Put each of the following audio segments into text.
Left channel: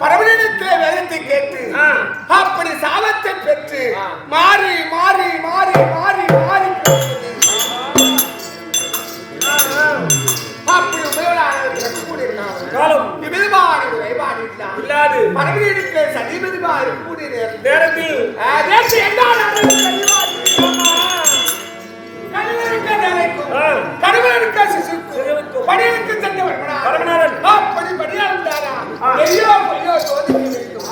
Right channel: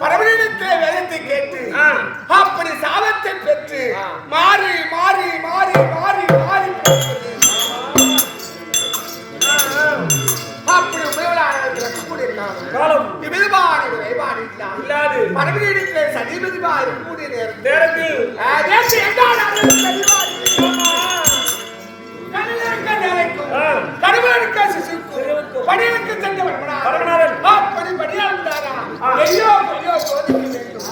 பரமனிடத்தை வேதத்தை கேட்டு அப்படி சாபத்தை பெற்று மாறி மாறி மாறி மாறி மாறி அப்படி பரமனிடத்தை சனிபதிமா இருக்கக்கூடிய நேரத்தில் கணவனுக்க சிசுக்கும் பணியனுக்கு சென்ற அப்படி பணியாளந்தாரா ஐயோ ஐயோ சோதிக்க வேண்டும்.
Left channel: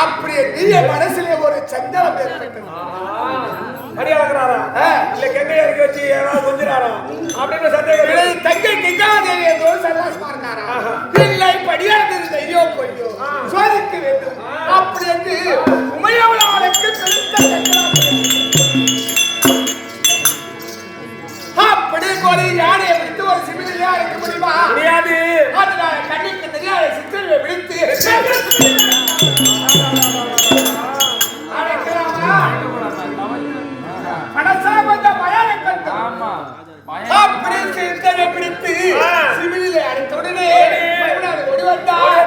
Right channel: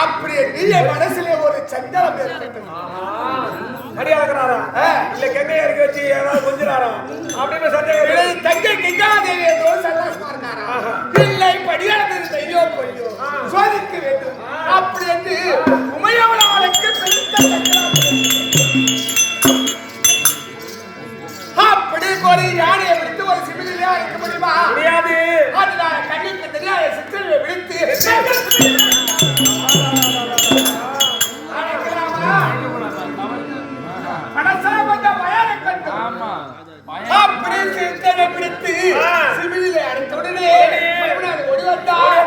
அப்படியே நீய மனசிலே ஒரு சஞ்சலம் ஏற்பட்டது. மரியாதைக்கிறாரா இல்ல கெண்ணையா இருக்க வச்சு ஏதாவது கொஞ்சிறாரா அப்படின்னு சந்தேகம். தங்கை கங்காதேவி என்றோ சல்லாசமா இருக்காரா இல்லை படியாளர் ஐயோ ஐயோ சோதிக்க வேண்டும். அப்படி என்று உமையவளாளுக்கு பெருத்த சஞ்சலம். அப்படி ஒரு யானையை விடுத்து ஒரு சிவிலையா இருக்க முடியுமா? முடியாது. அதனால கண்ணுக்கு தெரியாத சித்தரை விடுத்து அழைக்கலாமா? மனசா கொஞ்சம் பயம் இருக்கட்டும். அப்படி சிந்தனை பிடித்து சிவிலிலே அடுத்த உடனே ஓடி வந்தார்.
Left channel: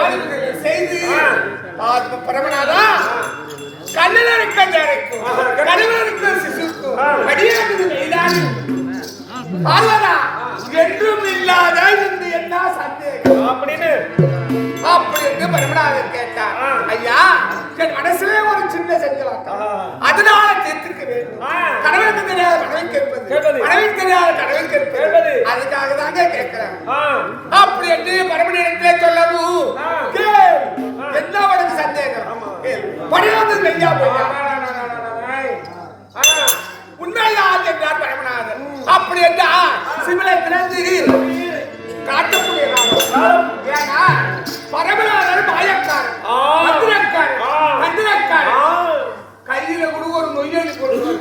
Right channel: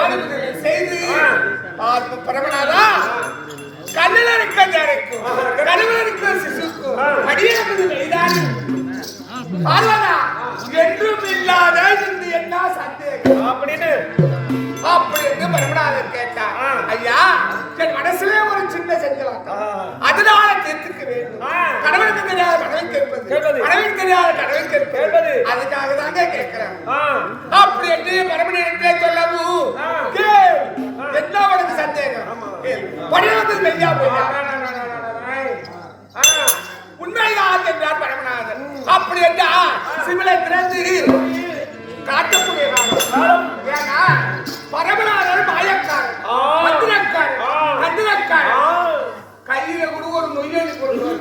ஆளுமுறைகளை செய்து பரமனாதா கல்லில் இருக்கும் கணவனுக்கு சிசுக்கும் அடியனுக்கு மெய்தானி பார்வதா என்றும் இல்லாத இந்த என்ன சந்தேகம் அப்படின்னு பரமநாதன் கேட்டார். ஐயா, என் மனசுல ஒரு சின்ன சஞ்சலம், அதனால தீர்த்துக்க வேண்டும். கடவுளுக்கு தெரியாத மனைவி கேட்பது, மனைவிக்கு தெரியாத கடவுள் கேட்பது, அதுக்காக தாங்க கேட்கிறேன். அப்படி என்று பரமனிடத்திலே சொல்லவும் என்ன உனக்கு சந்தேகம்? பணியாவது மெய்யா போய்யா? உண்மைதான் என்றார் பரமநாதன். அப்படி என்றால் சிமிலை திறந்து காட்டக்கூடிய காலம். ஏன்னா பரமநாதன் மாயக்காரன், மந்திரக்காரன், கையில கூட ஒரு நொய்யலி கொடுக்குவார்.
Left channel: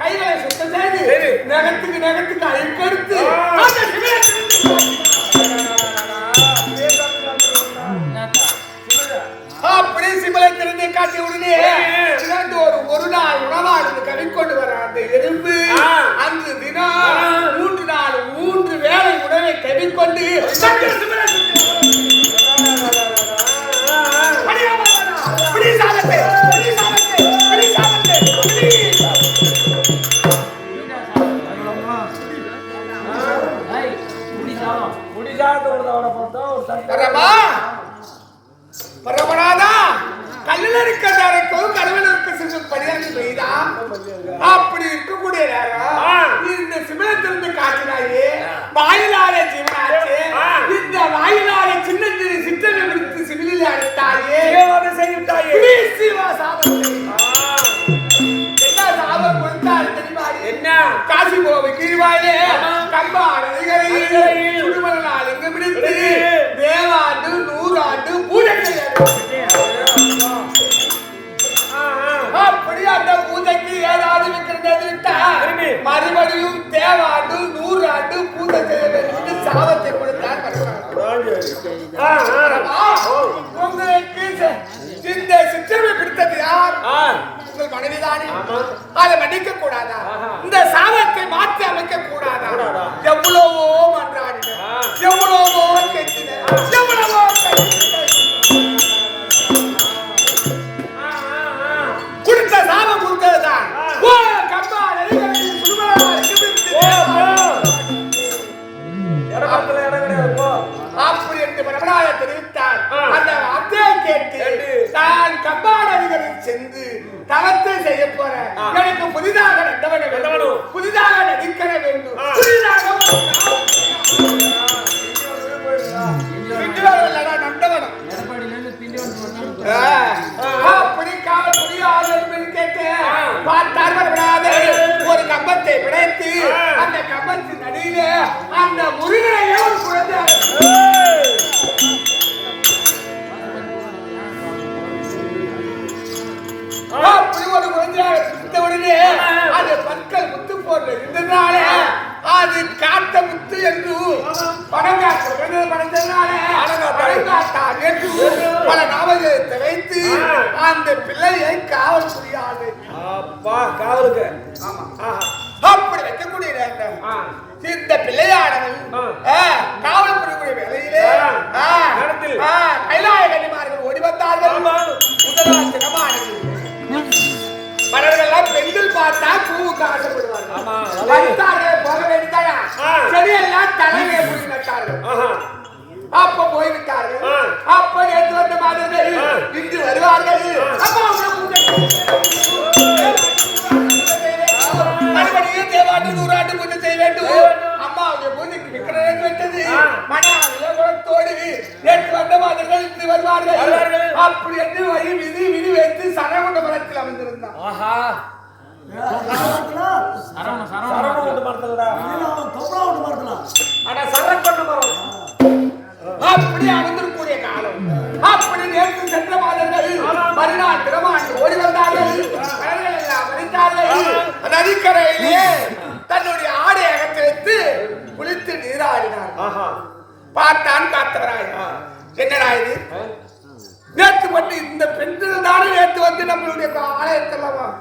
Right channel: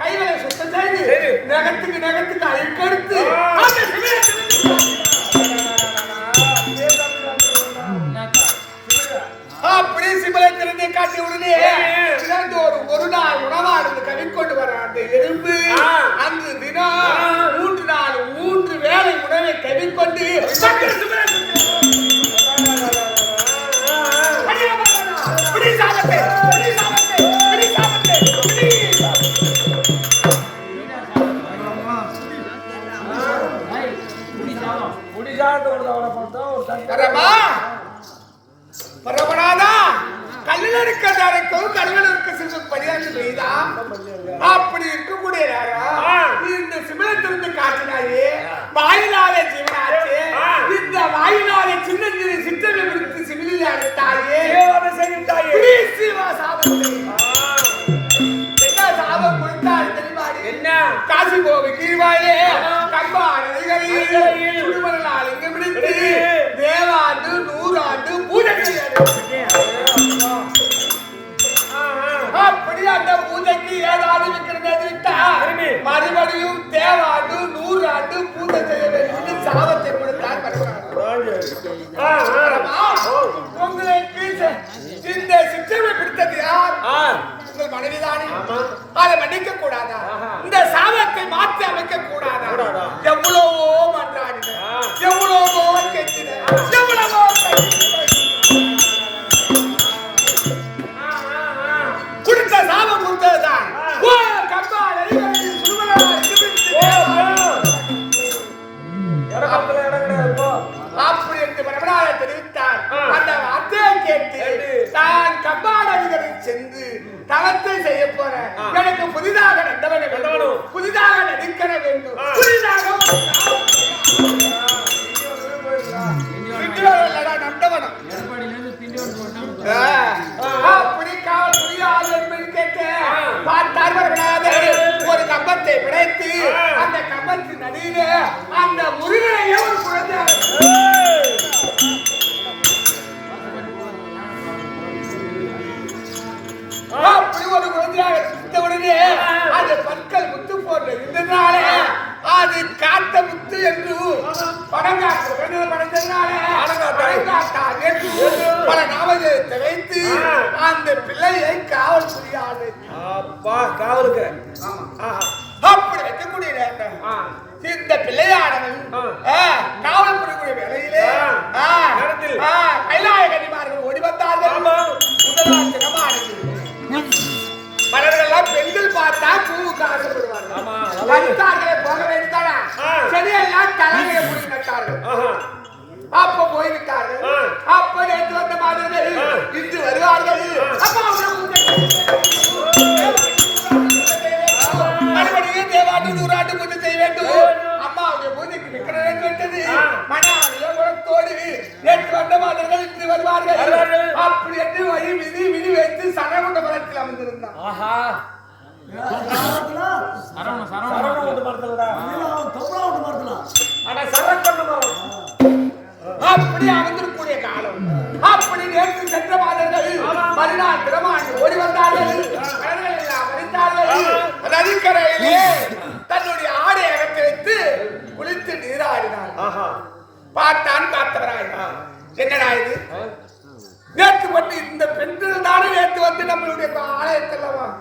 கைகளை சுத்தம் செய்து நகத்துக்கு அழுக்கெடுத்து அப்படி சிமலை திறந்து காட்டி உடனே ஒரு நாள் உணவானது கவிக்கொண்டு வர அந்த எறும்பு அன்று தினம் 3 நாள் 3 வேளை உணவை கவிக்கொண்டு பரமநாதா கல்லில் இருக்கிறதாரைக்கும் கடவுள் இருக்க சிறும் படியாக செய்தா அப்படி இருக்கக்கூடிய இந்த சிவனத்திலிருந்து காட்டினாயே வாயிலாத ஜீவனாச்சு. இந்த வாயிலாத சின்ன சிற்றவை விடுத்து சிவிலில் அடைத்தாயே சாபம் கொடுத்தால் தெரியுமாடி என்ன? காசி போவை கீழ்வாயிலே கம்பாடைகளில் சுடுமணால் இங்கு பிடித்து தேவாண்டு 100 ஆண்டு பூஜை அப்படி அந்த பூஜைக்கு ஏதாவது விற்கிறது விட்டா மறுபடியும் தேவாண்டு 100 ஆண்டு பூஜை செய்ய வேண்டும் என்று சாபத்தை கொடுத்தார். உங்களுக்கு இந்த சிற்றவை பிடித்தது யார்? உங்கள் மனைவிதானே. அதை மன்னிக்க கூடாதா? இந்த சாபத்தை மாற்றி அமைக்க கூடாதா? எவ்வளவோ மன்றாடின, எவ்வளவோ கெட்டின, எவ்வளவோ கொடுத்த சாபம் கொடுத்ததுதான். அப்படி என்று பரமநாதன் தெரிவித்தார். அந்த வார்த்தையை கேட்டு தான் கம்பாடவிகளில் சென்று தவத்தை செய்ய போற எனக்கு புதிதாக நண்டவன வேண்டும், புதிதாக நடிக்கற வேண்டும், புதிதாக நண்டவனம் அப்படி காவல்துறை ஆளுநர் கேட்டு பார்த்தார் பரமநாதன். ஒரு கம்பத்தை பிடைத்து அந்த கம்பத்தின் அடியில அந்த முருகனையே ஒரு குழந்தை அப்படி ஒரு குழந்தையாக உடனே அது பற்கள் முத்து போட்டு இருந்ததுனால அது காட்ட முத்து என்று படம் காட்டு படைந்ததுனால படங்காட்டார் என்று பல நாமத்தை வைத்து அந்த பிள்ளையை காவல் புரியாது காவலுக்கு அப்படி வைக்கக்கூடிய நேரம் இந்த பிள்ளையானவன் காவல் புரியக்கூடிய வேலையிலே கைலாய கன்னிமார்கள் ஓடி வந்தார்கள். முதலாள் தினமானது மலர்களெல்லாம் பெண்கள் பார்த்தா பூவுக்கு ஆசைப்படுவார்கள். போக வேண்டியதாயா செடியெல்லாம் தலைமையை புடி நட்டார்கள். அப்ப போய்விட்டார்கள். அப்ப நேற்று வந்த மாதங்கள் இன்று வருவார்கள். மறுபடியும் தேவாண்டு 100 ஆண்டு பூஜை செய்ய வேண்டும். அம்மாவுடைய பூஜைக்கு விக்கிரகம் வெட்டது மனத்தோடு நேற்று வந்த மாதர்கள் இன்று வருவார்கள். அப்படி என்று வழி விதி விதி வைத்து சரவண மரத்தில் அமர்ந்திருந்தான். அப்படி அமர்ந்திருக்கூடிய காலம். அப்படி நேற்று சென்ற மாதங்கள் மறுநாள் திருமாண்டு ஓடி வந்தார்கள். நதிக்கரையிலே தன்னுடைய ஆடை அகற்றி வைத்து குளித்து நீராடினார். பார்த்தான் காத்தவராய், என்னடா இது? நேற்று வந்து இந்த பெண்கள் தானே நேற்று வந்து நம்மளுடைய ஆலயத்தெல்லாம்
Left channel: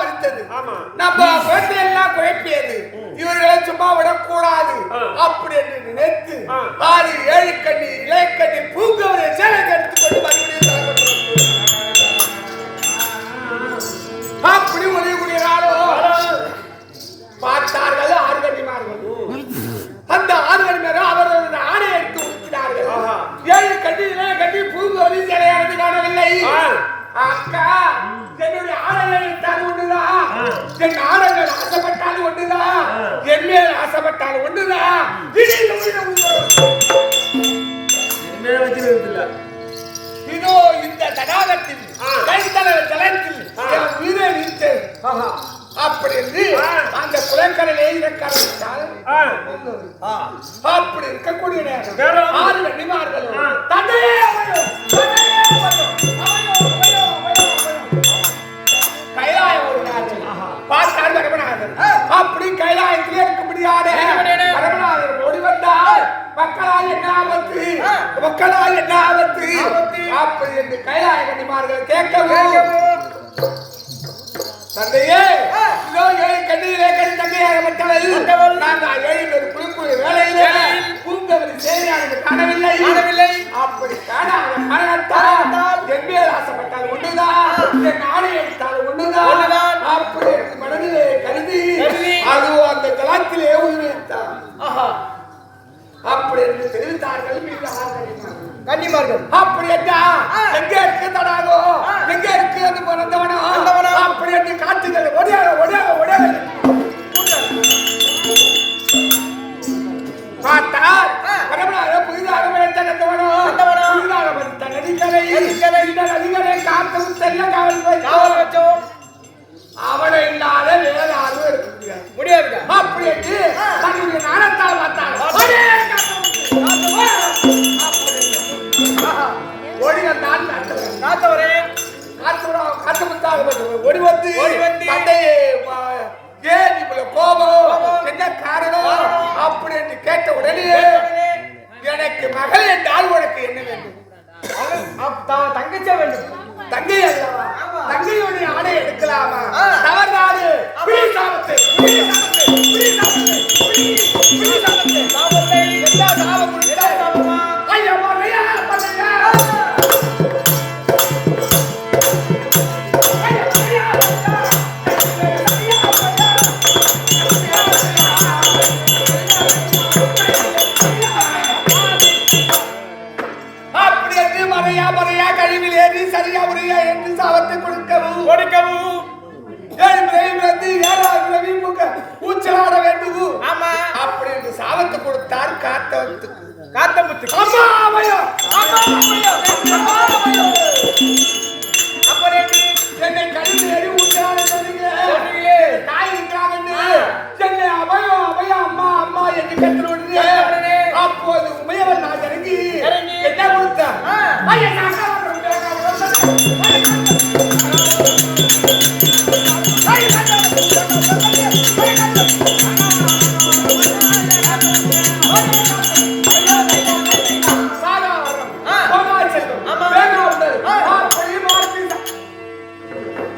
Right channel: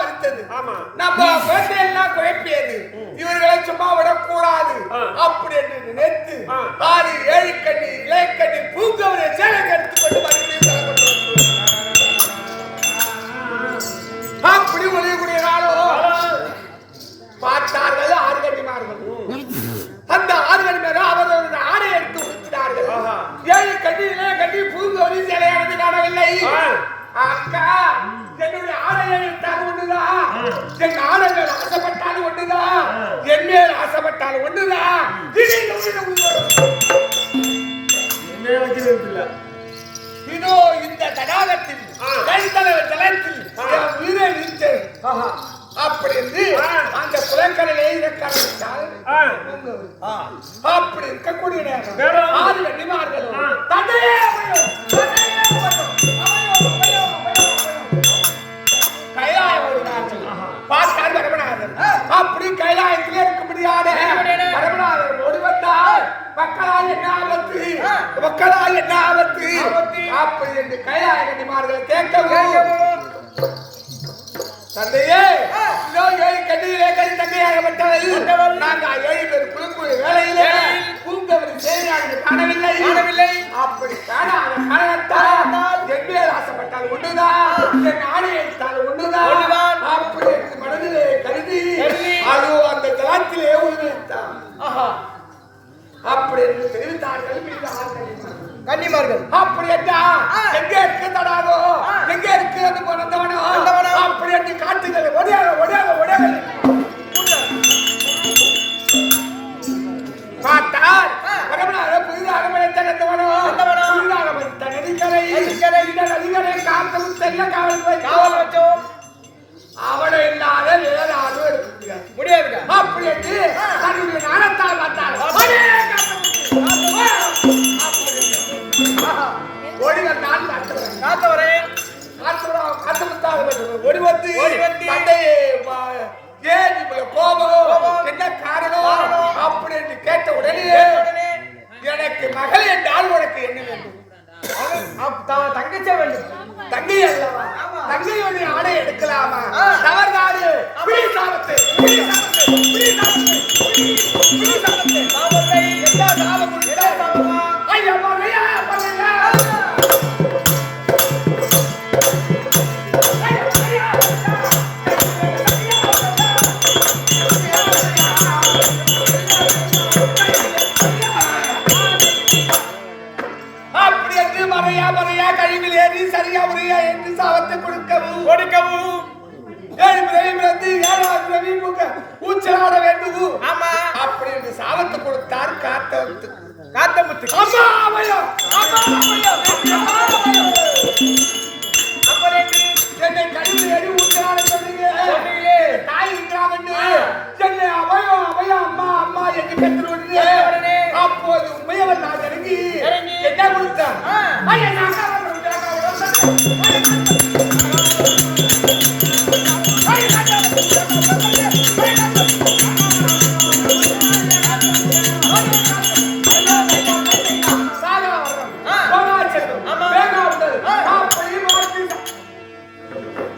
படித்தது. நம்ம குழந்தையெல்லாம் குழப்பியது, இவர்களை சும்மா விடக்கூடாது அப்படி என்று நினைத்து 7 கண்ணி இலைக்கண்ணி பூங்கவரை சேலை எடுத்துக்கொண்டு மறுபடியும் அப்படி ஒளியக்கூடிய காலம் பார்த்தார்கள். 6 கண்ணிமார்கள். அந்த 6 கண்ணிமார்கள் அவர்கள் ஆடை எடுத்து உடுத்தினார்கள். 7 கண்ணி இலைக்கண்ணி பூங்கவரை சேலையானது காணவில்லை. அக்கா, என்னுடைய ஆடைகள் ஒண்ணுதான், என் ஆடைகள் ஆசைப்பட்டாலும் ஒண்ணுதான், என் மேல் ஆசைப்பட்டாலும் ஒண்ணுதான். இதோ இந்த தடாகத்தில் ஜலத்தில் உயிரை நீத்து அப்படி என்று அந்த குளக்கரையிலே இறக்காவிட்டால் அப்படி இருக்கக்கூடிய நேரம் 6 கன்னிமார்களும் தந்தையே அமையும் கைலாயம் ஓடினார்கள். பார்த்தார் பரமநாதர். அப்படி கைலாயத்திலே இருக்க முடியாத பரமநாதர் ஓடி வந்தால் மக்களால் என்ன ஆபத்து, மக்களால் என்ன ஆபத்து அப்படி என்று கைலாய கன்னிமார்கள் கேட்கவும், தந்தையே, இதோ 7 கண்ணியிலே கணி தங்கையாகப்பட்டவள் நாங்கள் 7 பேர் குளிக்கூடிய வேளையிலே பூங்கவரி சேவையானது காணவில்லை. அப்படி காணாத காரணத்தால் என் மேல் ஆசைப்பட்டால் ஒன்றுதான், என் ஆணை எடுத்தால் ஒன்றுதான் அப்படி என்று மனதிலே கருதி அது அந்த ஜலத்திலே உயிரிழத்தான். அப்படி என்று தெரிவித்தார்கள். மீது 6 கன்னிமார்கள். அப்படி என்றா எங்க இருக்கு தடாகோ, எங்க இருக்கு அது பிறந்தவனோ அப்படி என்று காட்டுகள் ஒடியாக ஒடியாக ஒடியாக பார்த்தார். புதிதாக விளைத்தவனோ புதிதாக வந்த நதிகளை இந்த நதிகளை காத்து செல்ல காவல் வைத்தோம். அவனை இல்லாத வேற யாரும் எடுக்க முடியாது. அப்படி என்று தன்னுடைய நாணத்தால் பார்த்தார். ஓடி வந்தான் காத்தவரே, ஓடி வந்து ஏன் இவ்வளவு கோபம், என்ன காரணம் அப்படி என்று கேட்ட உடனே எனக்கு மகள் என்றால் உனக்கு என்ன வேண்டும்? தங்கச்ச வேண்டும். தங்கை அல்லவா? தங்கையுடைய ஆடை எடுக்கலாமா? தவறுநாடு. கழிவில் ஏறி சரியா முறையா என்று சாபத்தை கொடுக்கவும் 7 ஊச்சலாட வேண்டும் அப்படி என்று சாபத்தை கொடுத்தார் காத்தமுத்து. என்னை கழிவில் ஏறி ஊச்சலாட சொன்னீங்க, தாய் இருக்கிறாங்கன்னு என்னை அபயம் அபயம் அம்மா அம்மா என்று கற்று உடனே அப்போது உமையவன் நான் இறங்கி என்ன கொடுத்தேன்?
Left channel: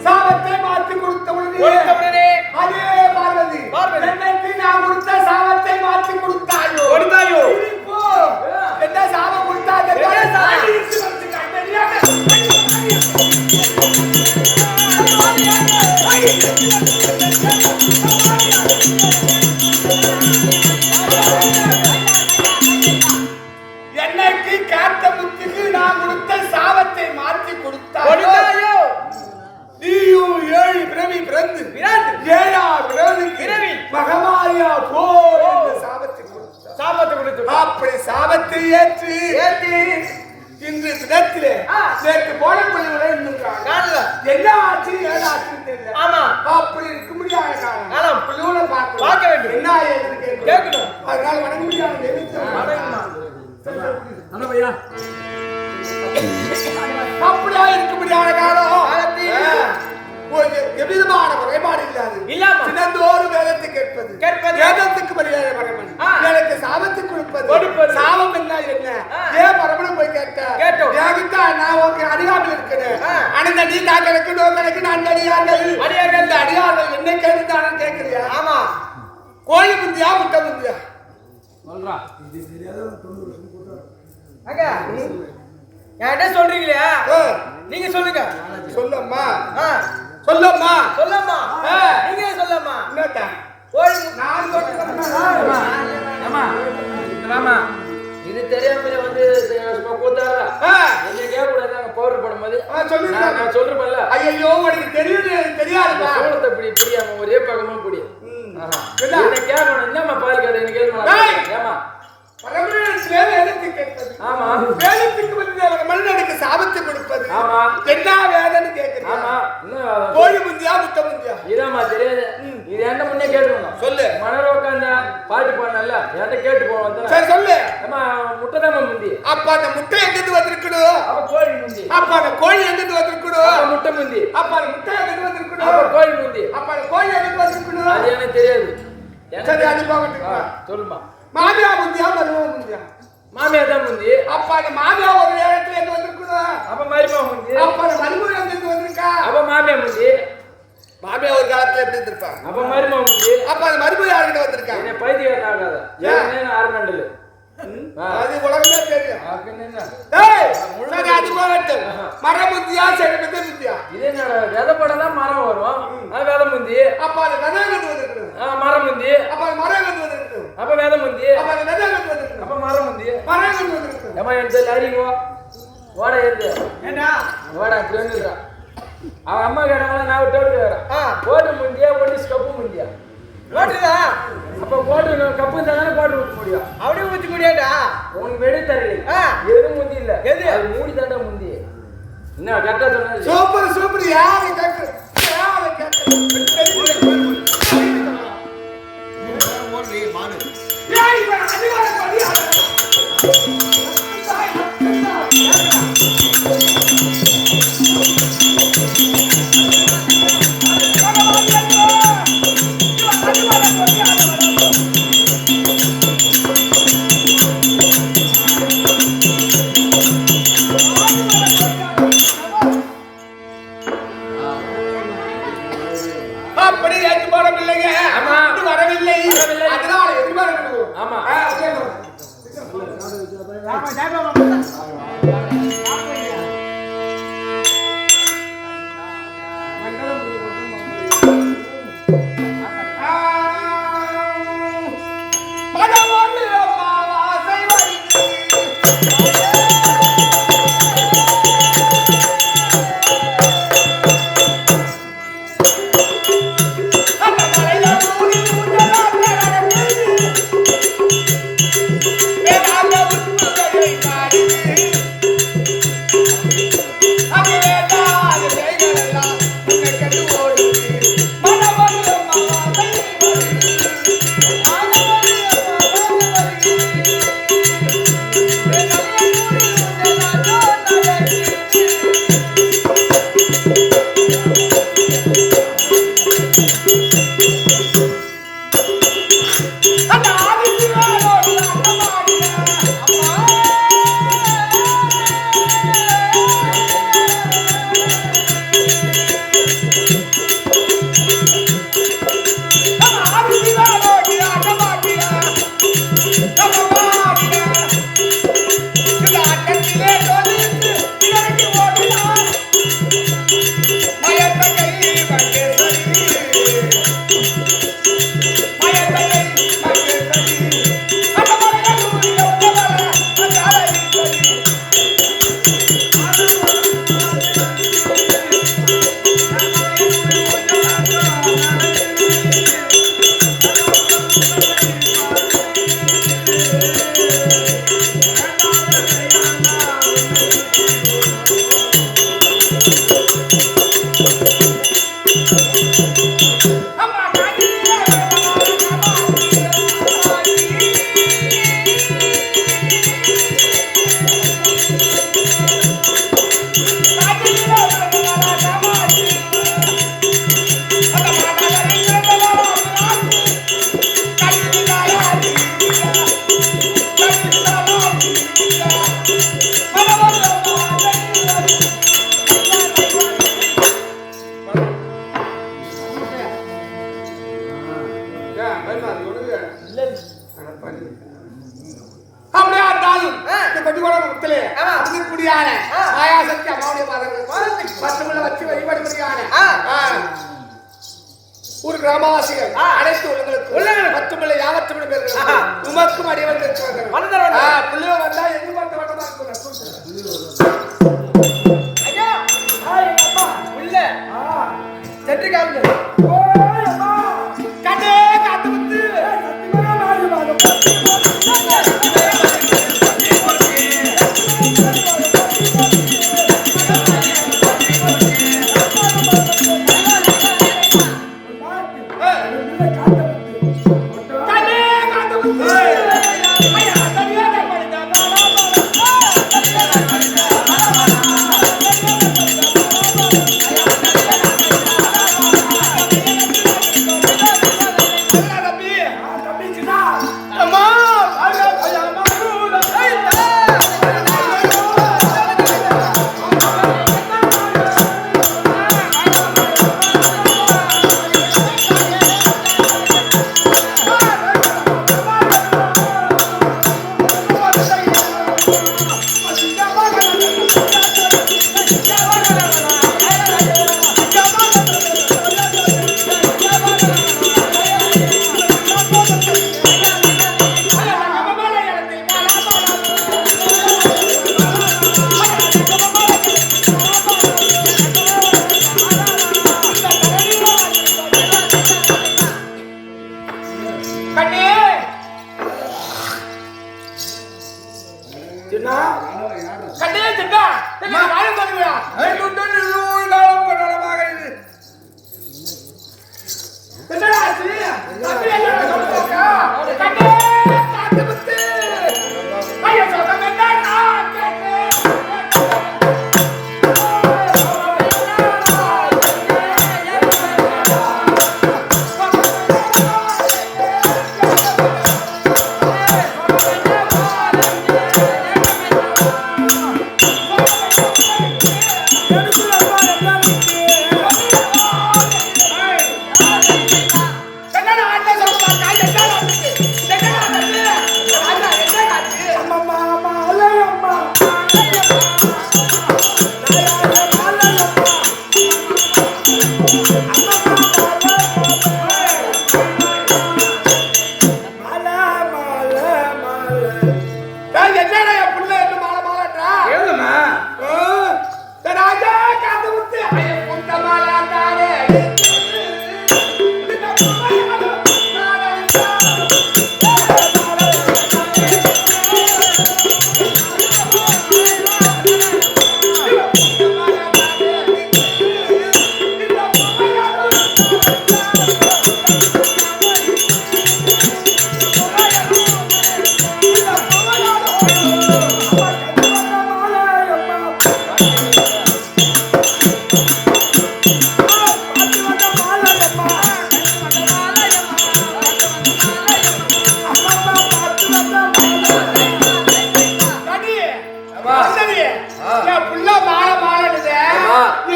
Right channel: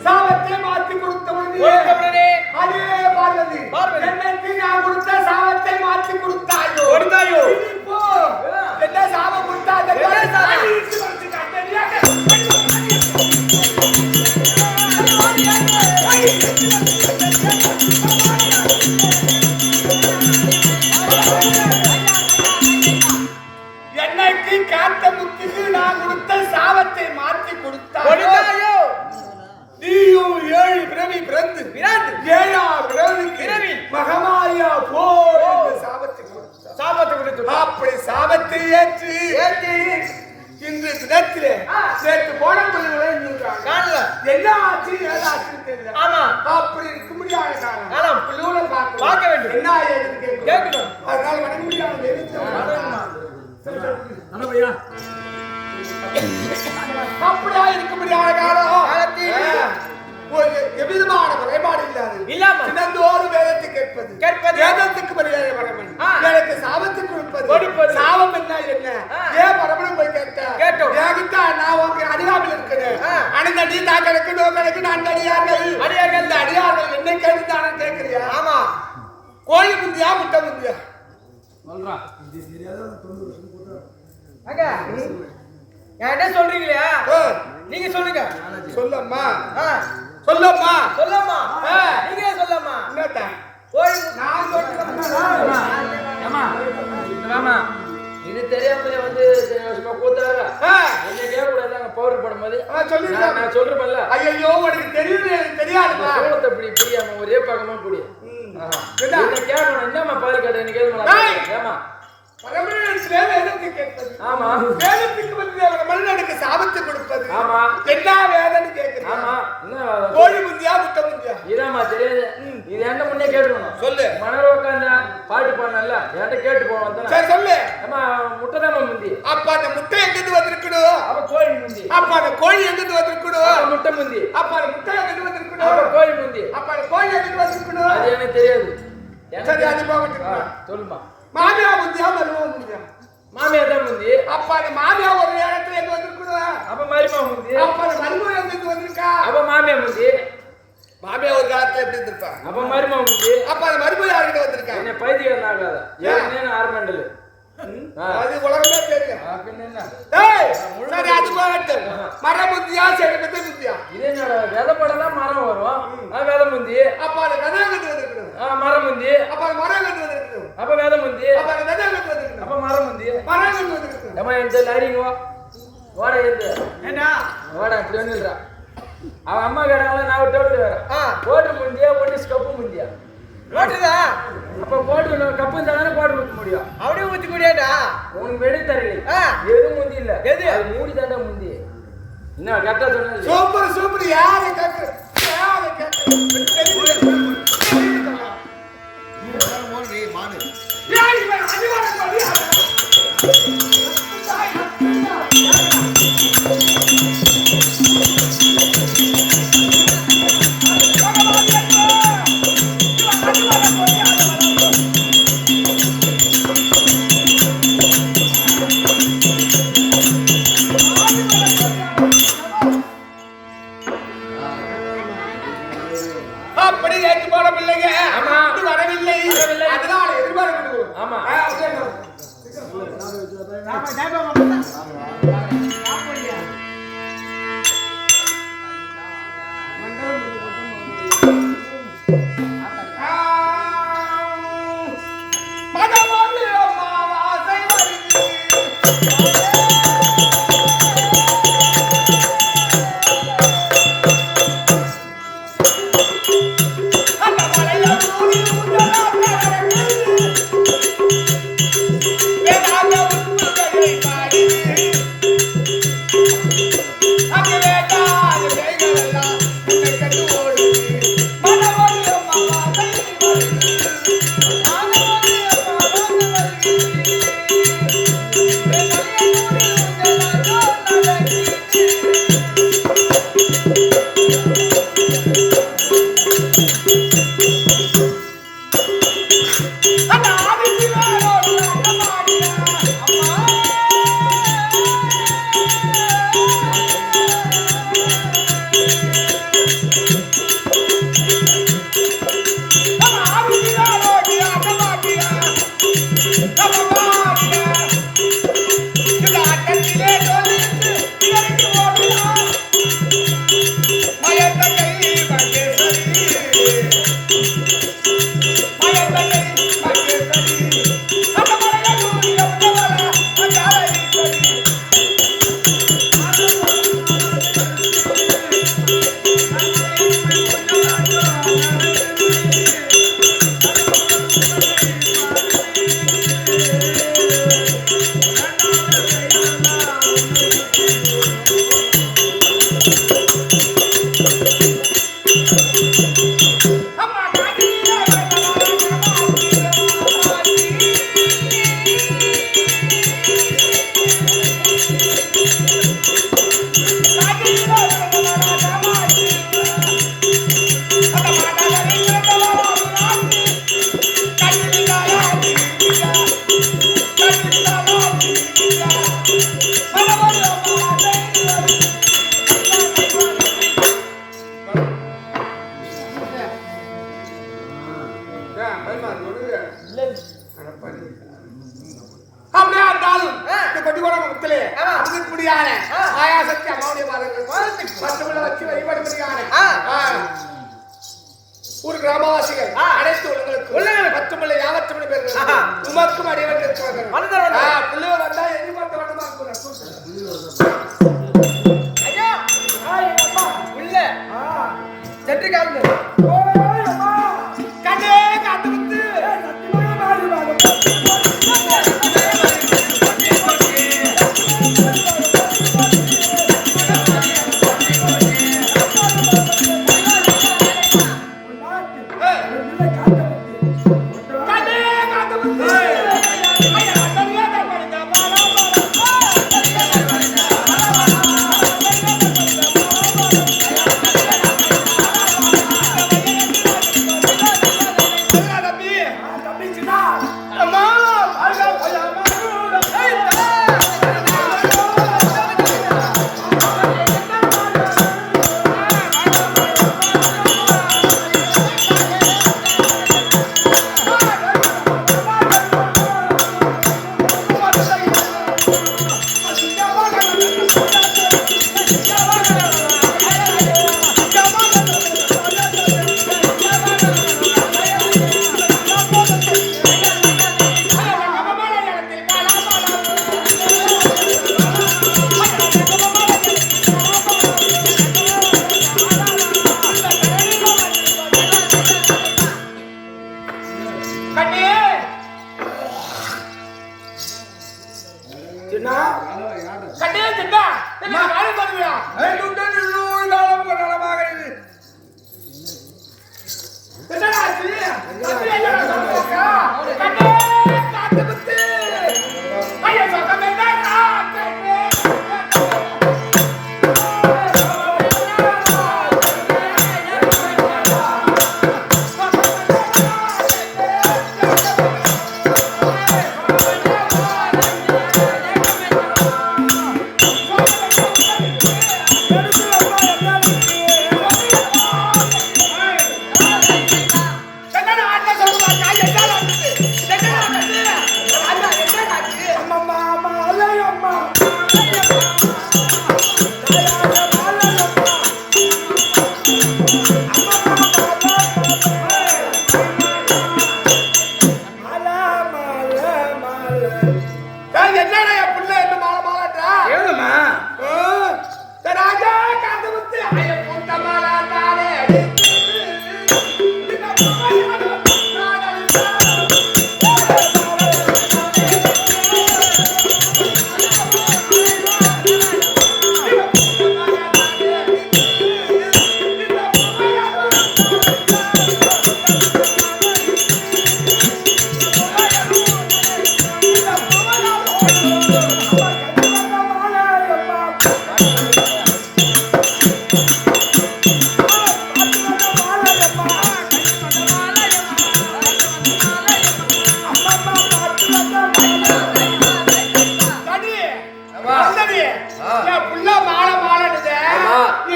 சாவத்தை மாற்றி கொடுத்த உடனே அதே பார்வதி என்னைக்கு நான் கொடுத்த சாவத்தை மாற்றி கொடுத்தாயோ என்ன சாபம் கொடுத்தாங்க? என்னைக்கு காத்தமுத்துக்கு நான் கொடுத்த சாபத்தை மாற்றி கொடுத்தாயோ நீயும் 7 பிறவி பிறந்து 7ஆம் பிறவிக்கு மகமாயா போ என்று சாபத்தை கொடுத்து அப்படி சாபத்தை ஏற்று இன்று தினத்திலே நேற்று போன பிள்ளைகளை என்ன ஆச்சு ஏது ஆச்சுன்னு தெரியல. அப்படி இருக்க முடியாத காலம் பிள்ளைகளை பார்க்க வேண்டும். என்ன ஏதுன்னு கேட்கணும். அதனால வணங்க முடியாது. அப்படியா இருக்க முடியாத காலம் எவ்விதமான குறைபாடு இல்லாது தினந்தோறும் வேதத்தை கேட்பது வேதத்துக்கு மரியாதை பரமன் எனக்கு சாபத்தை கொடுப்பது சாபம் என்ன ஏன் பரமனும் போய் கேட்டோம் நான் அறியாமல் இருக்கிறேன் அனைத்து அடி நான் கணக்கு நோ கணக்கு நான் அடியார்கள் என்ன கேட்டுதானு கேட்கிறியா ஆமா கோழி முந்தியா முட்டை முந்தியா சொல்றான் என்கிட்ட சொல்றீங்களா நீங்க சொல்லுங்க சொல்லம்மா சொல்லம்மா சொல்லம்மா நீங்க சொல்லம்மா என்னடா கோழி நான் சொல்றேன் ஆமா இது தெரியாமலே வந்து கூத்தாரா என்ன கேட்கக்கூடாது பவுடர் பண்ணும்போது சொல்லிருக்கேன் நான் சொல்றேன்ல ஐயோ உனக்கு தெரியாதுப்பா சோளத்தை இப்படி புரியாம ஒரே பக்கமா புரியும் கேட்கணும் என்னம்மா பால் கேட்ட எனக்கு கேட்கணும் ஏமா பரமனிடத்திலே வேதத்தை கேட்பது ஆமா வேதத்துக்கு வந்து மனிதனுக்கு சாபத்தை கொடுப்பது ஆமா என்ன வேதம்னு கேட்குது ஆமா கோழி முந்தியா முட்டை முந்தியா இதாம்மா தெரியாது இது என்ன முன்னே கேட்டுருக்கணும் சொல்லு மணர் உட்காந்தா பாட்டு போனல என்கிட்ட கேட்டு போவோம் சரி சொல்லு அம்மா முட்டை தான் முந்தி அப்ப அந்த முட்டை எங்கிருந்து வந்திருக்கணும் அப்ப கோழி முந்தி அப்ப அந்த கோழி எங்கிருந்து வந்திருக்கணும் முட்டை முந்தி அப்ப அந்த முட்டை எங்கிருந்து வந்திருக்கணும் அப்ப கோழி முந்தி அப்ப அந்த கோழி எங்கிருந்து வந்திருக்கணும் அது எனக்கு தெரியாது சரி அது போகட்டும் சொல்லுமா மாமியா முந்தியா மருமக முந்தியா மாமியா தான் முந்தி அப்ப அந்த மாமியா ஒரு நேரத்துல எங்க வந்திருக்கணும் அப்ப மருமக முந்தி அப்ப அந்த மருமக எங்கிருந்து வந்திருக்கா அப்ப மாமியா முந்தி மாமியா ஒரு காலத்துல எப்படி இருந்திருப்பா அப்ப மருமக முந்தி அப்ப அந்த மருமக யார்கிட்ட வந்திருக்கா என்ன பைத்தியம் ஆகாத ஏன் ஆரம்பண்டல அது உலகமே தெரியும் பின்ன என்ன சரி அது போகட்டும் மரம் முந்தியா சரி விதை முந்தியா இது என்னோட விதை படலாம் மரம் வரும் அது விதை முந்தி அப்ப அந்த விதை வந்துருக்கணும் மரம் முந்தி அப்ப அந்த மரம் வந்துருக்கணும் அப்ப விதை முந்தி அப்ப அந்த விதை வந்துருக்கணும் அப்ப மரம் முந்தி மரம் வந்துருக்கணும் ஏமா எந்த லைனிங் ஓட ஏத்து ஏண்டா ஓட இப்படி வந்துடுறா அவன் அம்மா கேட்டாங்களா நான் ஒரு டோட்டு வரேன் போட்டு முந்தியா ஒன்று ஸ்கப்பு முந்தியா ரோட்டுதா அப்ப போட்டு கப்பு தானே போட்டு ஊற்ற முடியும் அப்படியே ஊற்றி முடியாதா உனக்கு வெடி தரு எது முந்தி இல்ல எது அது மூடி தாண்டா முந்தி என்ன கரெக்டா சொன்னா சூப்பர் சூப்பர் யாரை கேட்குற யாரை கேட்குற அப்படி ஏற்று போட பிள்ளைங்க வரவில்லை அதனால எதிர்பார்க்க ஆமா அப்படியே இருந்தாலும் இந்த கொட்டி கூட முத்தலே அதுக்கு குடியான ஆயாசக்தி அம்மாவுடைய பாதங்கள் 10 முள்ள வச்சு வழிபடுகிறாங்க. ஒரு கிராமவாசிகள் அனைத்து உள்ளங்களுக்கு 10 முள்ள 50 முள்ள பேர்கள் உமக்கும் அடிவன் இருக்கிறார்கள். புள்ளியோ வந்தா எதிர்பார்த்த வட்டமா ஐயா அம்மா உள்ள செட்டு காலுங்க கண்ணே காத்து வந்து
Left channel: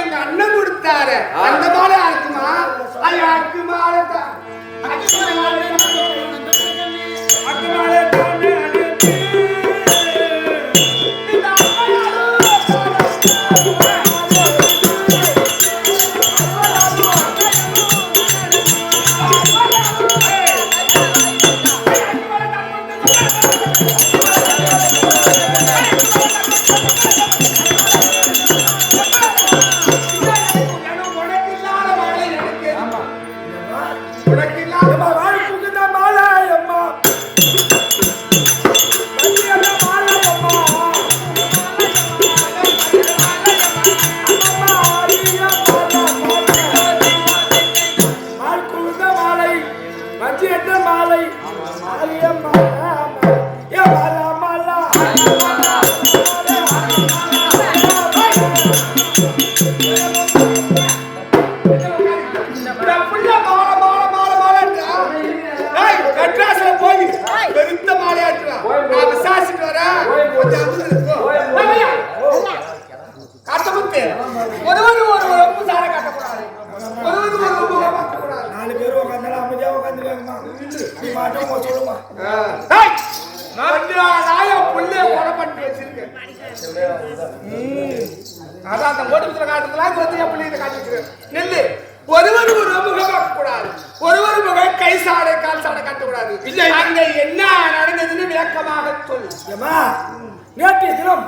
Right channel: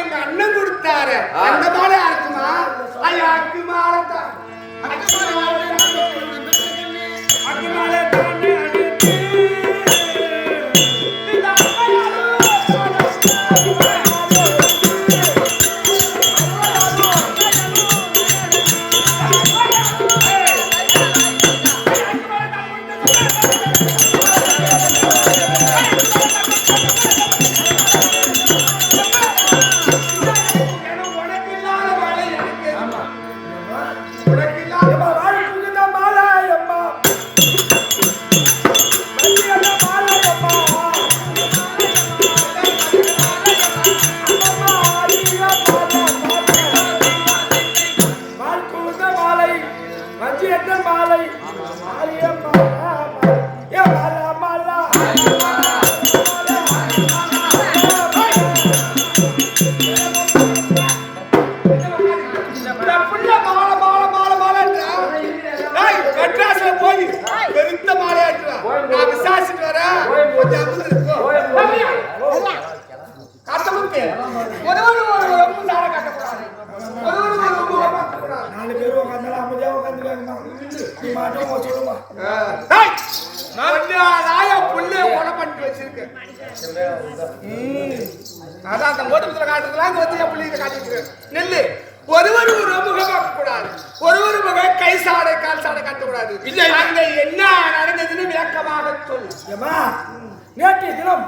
எங்க அண்ணன் கொடுத்தாரு அந்த மாலை இருக்குமா ஐயா அக்கு மாலை தான் நாலு பேர் உட்காந்து அமைதியா உட்காந்துருக்காங்கம்மா நீ மாட்டோம் சொல்லுமா ஓட்டத்துல காட்டுறதுலாம் அது வந்து என் பிள்ளைங்க காட்டிட்டு நெல்லு ஒருவர் ஒரு முகம் பார்க்கக்கூடாது ஒருவர் முகம் கை சாடை கால் சாடை காட்டக்கூடாது அங்க என்ன நடந்ததுன்னு விளக்கமாக சொல்லு நேற்றைய தினம்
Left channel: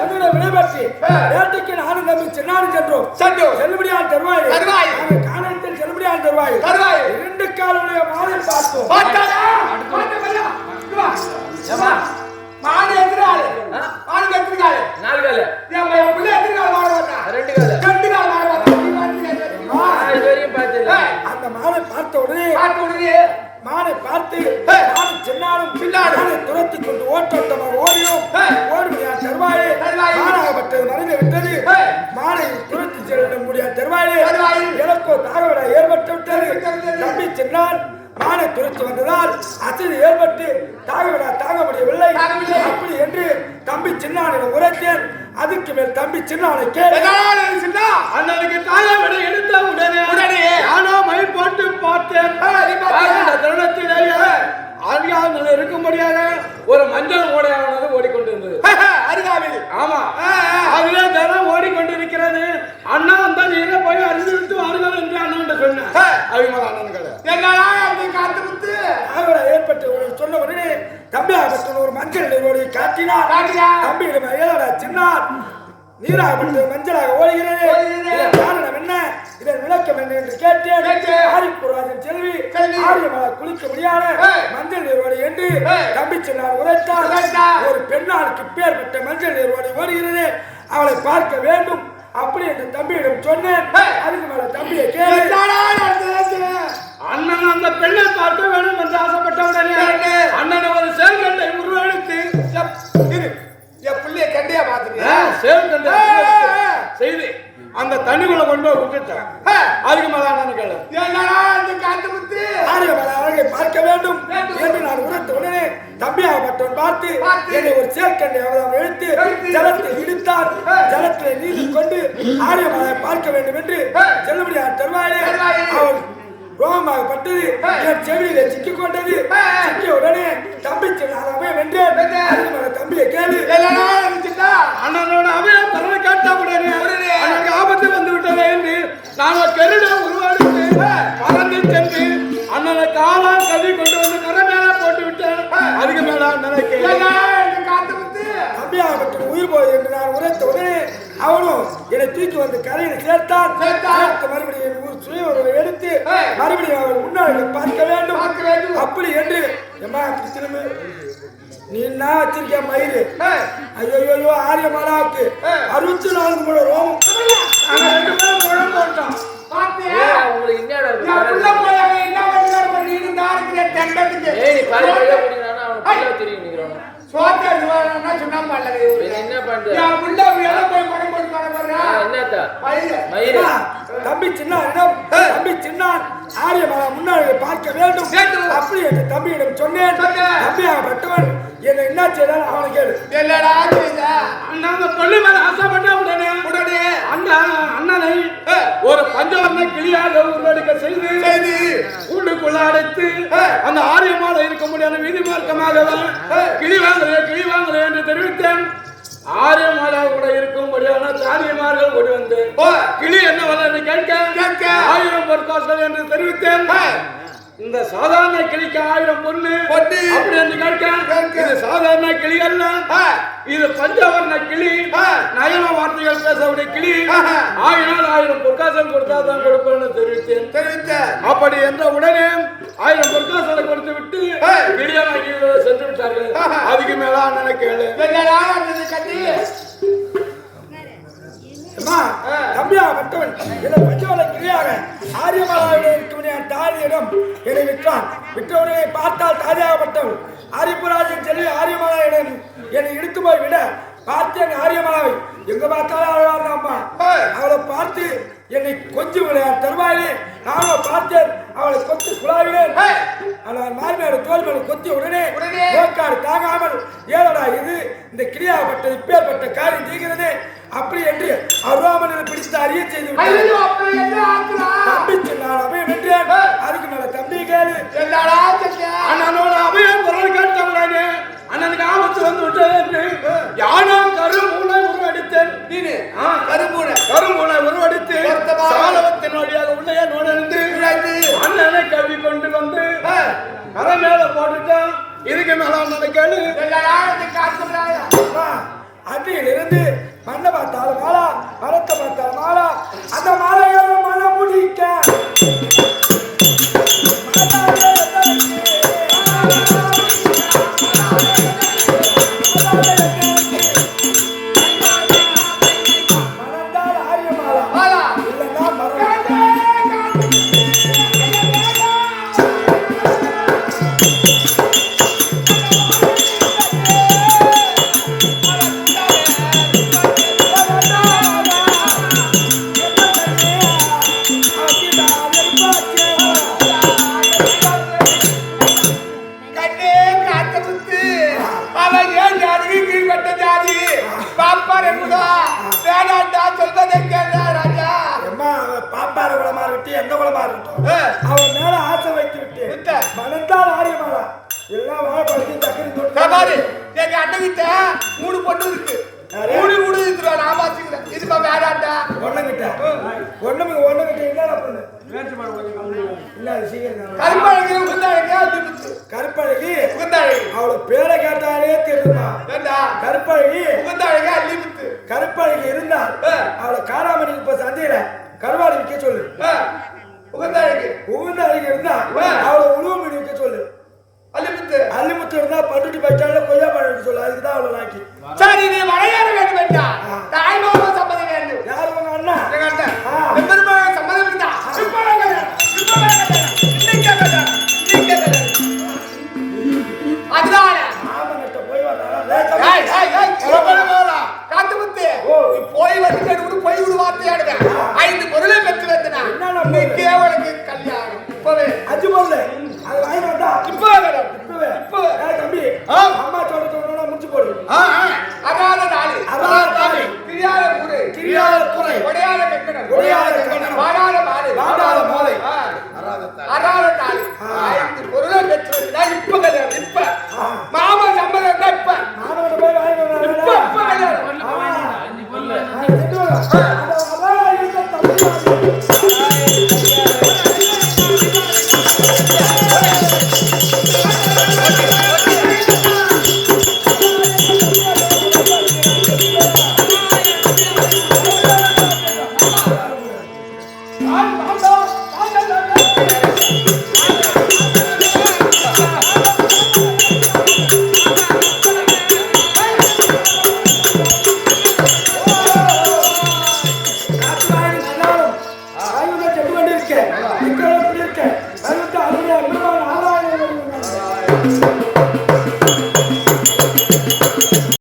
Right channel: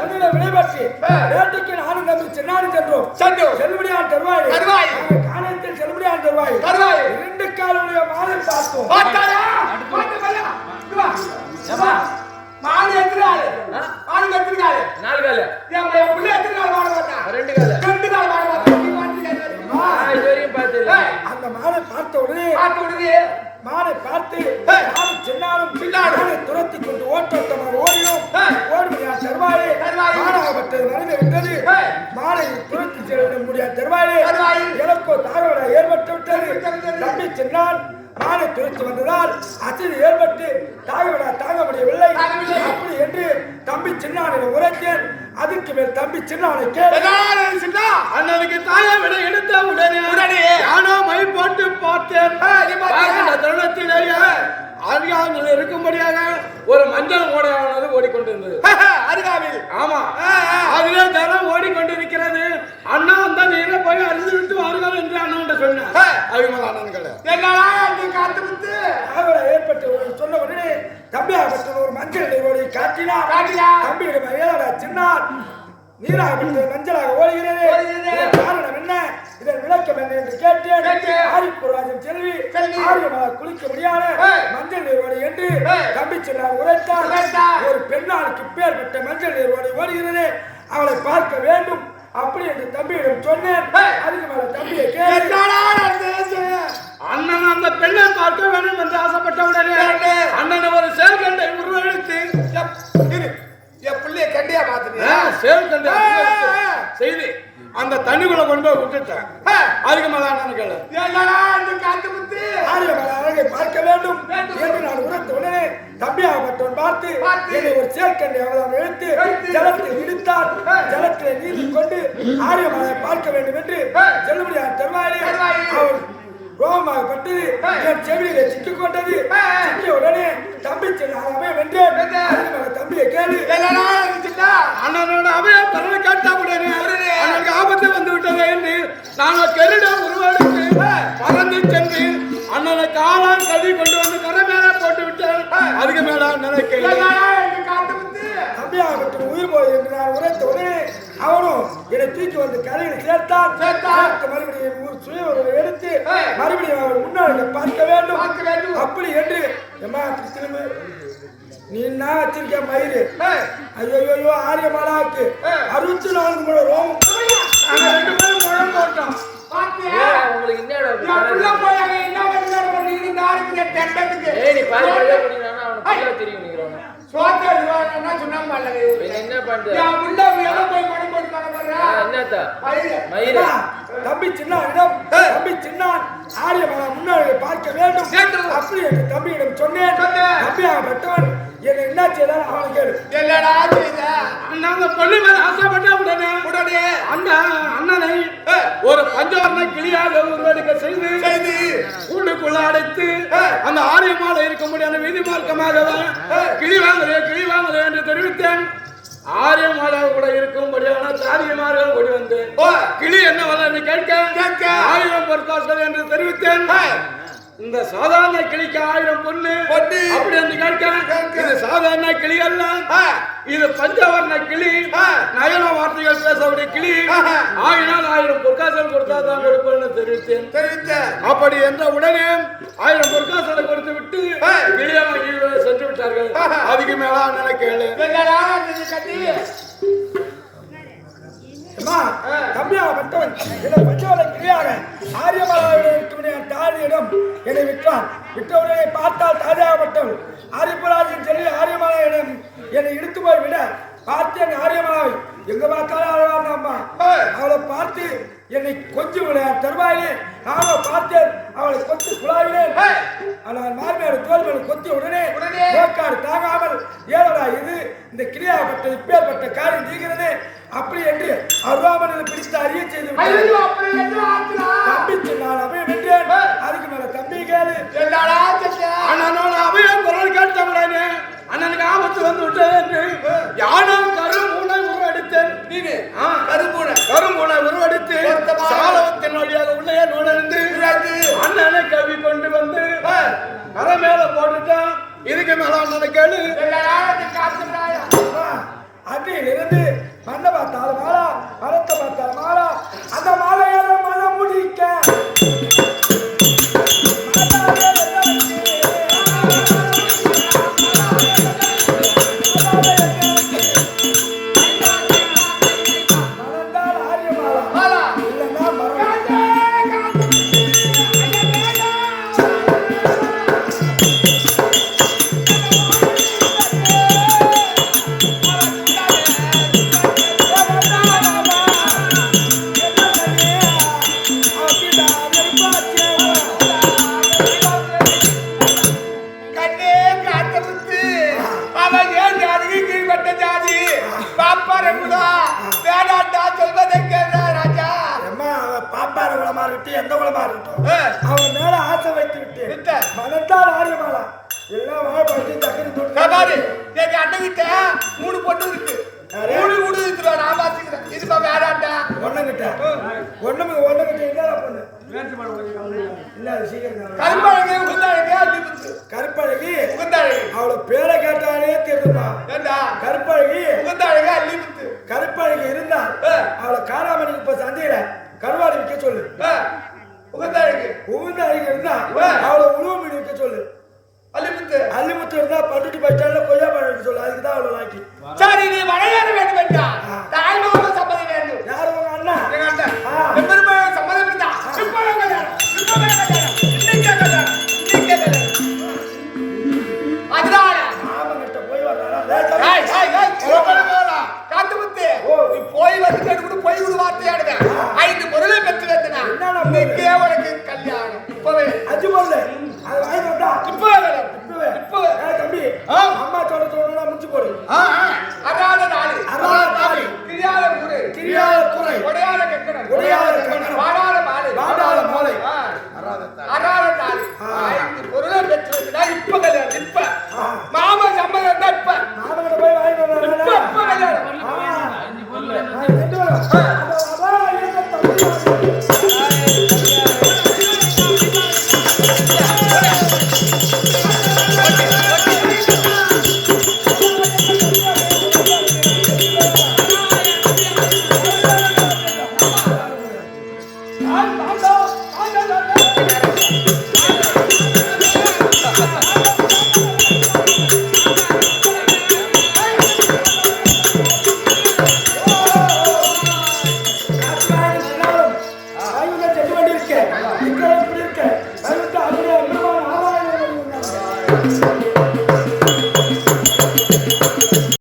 முதலில் விடைபெற்று நேற்றுக்கு நானும் தம்பி சின்னாரும் சென்றோம் செல்லுபடியான் தருவாய் காணத்தில் செல்லுபடியான் தருவாய் 2 காலுடைய மாலை பார்த்தோம் மாடு எத்திராளு மாடு எத்திருக்காளு 4 காலு என் பிள்ளை எத்திருக்காள் மாடு பார்த்தா 2 காலு 2 கால் மாடு பார்த்தா இதுவரையும் பார்த்தது அந்த மாலை பார்த்த உடனே மானை பார்த்து மானை சின்னாலும் பின்னாடி துரத்தி கொண்டு ஓட்டமாக ஓடியும் ஓடுமையான் தருவாயே மானாகப்பட்டது மறைந்து விட்டது மானை துரத்தி செல்ல முடியாத தருவாயே எனக்கோ தாகவிட ஏற்பட்டு விட்டது தம்பி சின்னான் மானை துரத்தி வந்ததால் அசதி ஏற்பட்டு தாங்க முடியவில்லை அப்படி என்று தம்பி சின்னானிடம் உரைத்தேன் அதுக்கு மேல் தம்பி சின்னானை கேட்டு அண்ணனுக்கு தாகவிட எடுத்த உடனே ஆனா மை போட்டு பார்த்தேன் தருணத்திலேயே அருகாமல் இருக்கும்படியாக ஒரு மஞ்சள் ஓடையானது ஓடிக்கொண்டிருந்தது அருகாவில் ஆமா அதுவே தரம் ஓடிக்கொண்டிருக்கிறது அண்ணா அந்த நீரை போய் அறிந்து விட்டு வாருங்கள் என்று அண்ணன் சொன்னேன் அபிமக அண்ணன்களை காத்து ஏற்பட்டு சொன்ன உடனே தம்பியாக ஒரு மஞ்சள் நீரோடி காட்டினார் தம்பியிடம் சின்னார் நீராக மஞ்சளாக ஓடுகிறது காரணம் என்ன இதன் விளக்கம் என்ன என்று கேட்டேன் ஆரிப்புராஜன் செல்வி ஆரியமாக குளிக்க முடியாத மஞ்சள் நீர்வாடி என்று தம்பி சொன்னார் உரைத்தார் ஒரு பெண்ணாளுக்கு பேர்பட்ட மஞ்சள் நீர்வாடி ஓடுகிறது அவளை பார்க்க வேண்டும் அப்படி என்று தம்பியிடம் சொன்னேன் அதுக்கு மேல தம்பியை அண்ணன் அந்த பெண்ணை பார்க்க வேண்டும் என்று ஆசைப்பட்டவுடனே அண்ணன் ஒரு சேர்க்கண்டை உருவெடுத்து என் பிள்ளைய கண்டியா பாத்துட்டியா செய்தி அந்த தண்ணிக்குள்ள கொண்டு விட்டுட்டேன் அதுக்கு மேல அண்ணன் கேளு அவளை பார்க்க வேண்டும் என்று நான் உணர்த்த உடனே தம்பியாகப்பட்டவன் பார்த்து என்னை ஒரு சேர்க்கண்டை அவதாம் எழுத்து ஜலத்தை இடித்தார் ஜலத்தை நீதி கொண்டு ஆரியமலை பார்க்க வேண்டும் என்று செல்லுபடியார் தருவாயே அவள் ரோகமாகப்பட்டு என் செவியிலே சிக்கிக் கொண்டது சிக்கிய உடனே தம்பி சின்ன வென்றேன் தம்பியை கேள்வி அண்ணனோட அவைய தலைமை காட்ட உடனே எனக்கு ஆபத்து வந்து விட்டது என்று நாங்கள் பெருடா உருவாடித்து பறந்து சென்று அண்ணனை காலால் கவி கொண்டு வந்து கரை மேல போட்டு விட்டேன் அதுக்கு மேல அண்ணனுக்கு தம்பியாகப்பட்ட உயிர் போய் என்று நான் உரைத்த உடனே அவனும் என்னை தூக்கி வந்து கரையில் சேர்த்தான் மறுபடியும் சுய எடுத்து மறுபடியும் அவள் முன்னாடி பார்க்க வேண்டும் அப்படி என்று திரும்ப நீ என்ன வச்சிருக்க மயிறு ஐயோ ஆரியமாலாவுக்கு 64 முழம் ரோமம் முழம் போட்டான் தம்பி சின்ன ஆரியமாக முன்னாடி பார்க்க வேண்டும் அப்படி என்று தம்பியிடம் சொன்னேன் தம்பியாகப்பட்டவன் என்ன என்ன செய்தாலும் அவனை கேடு என்னடா செய்த அந்த பொண்ணு மேல ஆசைப்பட்ட உடனே அண்ணனை ஒரு பஞ்சவர்ண கிளியாக உருவெடுக்க செய்து கூண்டுக்குள்ள அடைத்து அந்த ஆரியமால இருக்க முடியாத விதி மார்க்கமாக கிளி வாங்குறேன் என்று தெரிவித்தேன் ஆரியமாலா கூட இருக்கும்படியான தாரியமார்கள் ஓடி வந்து கிளி என்ன வளர்ந்து கேட்க 1000 பொற்காசுகள் என்று தெரிவித்தேன் இந்த சாதாரண கிளிக்கு 1000 பொண்ணு அப்படி என்று கேட்க சாதாரண கிளி அல்ல இது பஞ்சவர்ண கிளி நயன வார்த்தைகள் பேசக்கூடிய கிளி 1000 பொற்காசுகள் கொடுத்தாதான் கொடுப்பேன்னு தெரிவித்தேன் அப்படி என்ற உடனே 1000 பொற்காசுகளை கொடுத்து விட்டு கிளியெல்லாம் சென்று விட்டார்கள் அதுக்கு மேல அண்ணனை கேளு தம்பியாகப்பட்டவன் இதை பஞ்சவள கிளியாக ஆரியமாலாவிடம் இருக்கும் தாரியிடம் என்னை விட்டவுடனே பார்த்தால் தாரியாகப்பட்டவன் ஆரியபுராஜன் செல்வி ஆரியமாலாவிடம் என்னை இழுத்து போய் விட பார்த்தேன் ஆரியமாலாவை எங்க பார்த்தாலும் அழகாக அம்மா அவளை பார்த்து என்னை கொஞ்சம் விளையாட தருவாயிலே நானும் பார்த்தேன் அவளை கொத்து குழாயினேன் ஆனால் மார்மையோட தோல்களை கொத்தி உடனே நோக்காடு தாங்காமல் ஏழடா இது இந்த கிரியாப்பட்ட இப்பேற்பட்ட காரியம் நீங்கிறது அப்படி என்று அருவாமனை பிடித்து அறிய செய்து தம்பிக்கு நான் அபயம் என்றேன் அதுக்கு மேல தம்பி கேளு அண்ணனோட அபயம் குரல் கேட்டவுடனே அண்ணனுக்கு ஆபத்து வந்து விட்டது என்று யானோ கருமூளை உருவடித்தேன் கருமூளை கொண்டு வந்து கரை மேல போட்டுட்டேன். இதுக்கு மேல ஒன்னு கேளு. அன்றையிலிருந்து மண்ணை பார்த்தாலும் மாலா, மரத்தை பார்த்தாலும் மாலா, அந்த மாலையால மழை முடிக்க மணந்தால் ஆரிய மாலா இல்லைன்னா மரம். பாப்பார குளமா விட்டு எந்த குளமா இருக்கட்டும் அவன் மேல ஆசை வைத்து விட்டு மனத்தால் ஆரியமாலா எல்லாம் வாழப்படி சக்கரை அண்ணன் கிட்ட 3 பொண்ணு இருக்கு. 3 கூட இருக்குறா. நான் பாத்துக்கிறேன். இதுப்பா வேறாண்டா ஒண்ணுகிட்ட என்னடா பொண்ணு இல்ல சீக்கிரம் கருப்பழகி உகுந்தாழகி அள்ளிமுத்து. கருப்பழகி உகுந்தாழகி அவள பேரை கேட்டாலே தெரியுமா? ஏண்டா கருப்பழகி உகுந்தாழகி அள்ளிமுத்து. கருப்பழகி இருந்தால் அவளை காராமணிக்கு இப்ப சந்தையில கருவாடி விற்க சொல்லு. உகுந்தாழகி இருந்தா அவளை உழுவு மீன் விற்க சொல்லு. அள்ளிமுத்து இருந்தா பட்டுட்டி பச்சால கொய்யா பழம் விற்க சொல்லு. அதுக்குதான் அவளை லாக்கி. சரி நீ வரையாற வேண்டும் என்றா தாய் மாமா சம்மதம் வேண்டும். யாரு உங்க அண்ணா? எங்க அண்ணன் எம்பெருமான் சம்மதம் இருந்தா இப்பவே கல்யாணம். இன்னைக்கே கல்யாணம். அதனால மாமன்கிட்ட போய் வர்றாரா? காத்து முத்து நீ போய் வந்து கேட்டு போய் விடு வார்த்தையாடுவேன். 5 பொருளை பெற்று வந்தனா இன்னைக்கே உனக்கு கல்யாணம். இப்பவே அஞ்சு பொருள் அது வாங்கி வந்தா இப்பவே வேணும். இப்பவே தம்பி அம்மா சொல்றதோட முடிச்சு போடு. அராத நாளி கிரியால கூரை ஒடையாத கட்டணம் வாடாத மாலை அராத நாளி 5 பொருளை பெற்று வந்தனா இப்ப கல்யாணம். இப்ப மாமா சம்மதம் இருந்தா இப்ப மாமன்கிட்ட போய் வாங்கி வர்றாரா? இப்ப கல்யாணம்.